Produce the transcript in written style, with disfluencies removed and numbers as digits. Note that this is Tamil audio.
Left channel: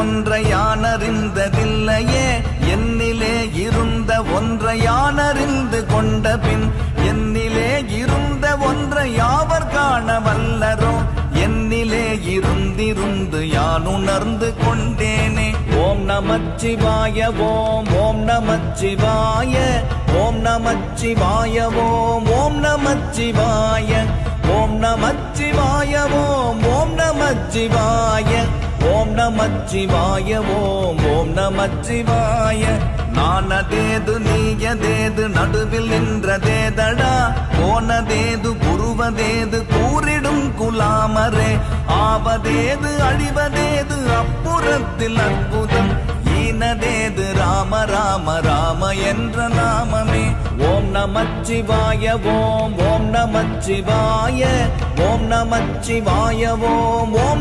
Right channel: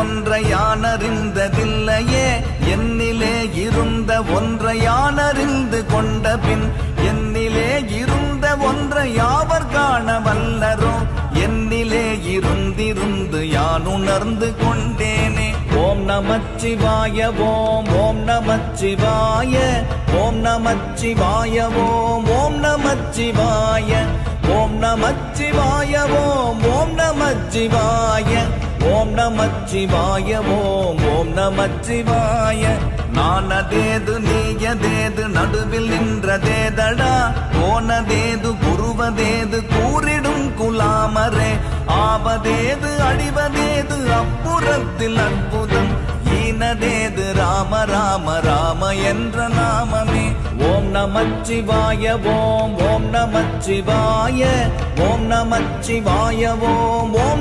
ஒன்றை யானறிந்ததில்லையே என்னிலே இருந்த ஒன்றை யானறிந்து கொண்ட பின் என்னிலே இருந்த ஒன்றை யாவர் காண வல்லரோ என்னிலே இருந்திருந்து யான் உணர்ந்து கொண்டேனே. ஓம் நமச்சிவாய ஓம் ஓம் நமச்சிவாய ஓம் நமச்சிவாய ஓம் ஓம் நமச்சிவாய ஓம் நமச்சிவாய ஓம் ஓம் நமச்சிவாய ஓம் நமச்சிவாய ஓம் ஓம் நமச்சிவாய. நானதேது நீயதேது நடுவில் நின்றதேதடா போனதேது புருவதேது கூறிடும் குலாமரே ஆவதேது அழிவதேது அப்புறத்தில் அற்புதம் ஈனதேது ராம ராம ராம என்ற நாமமே. ஓம் நமச்சிவாய ஓம் ஓம் நமச்சிவாய ஓம் நமச்சிவாய ஓம்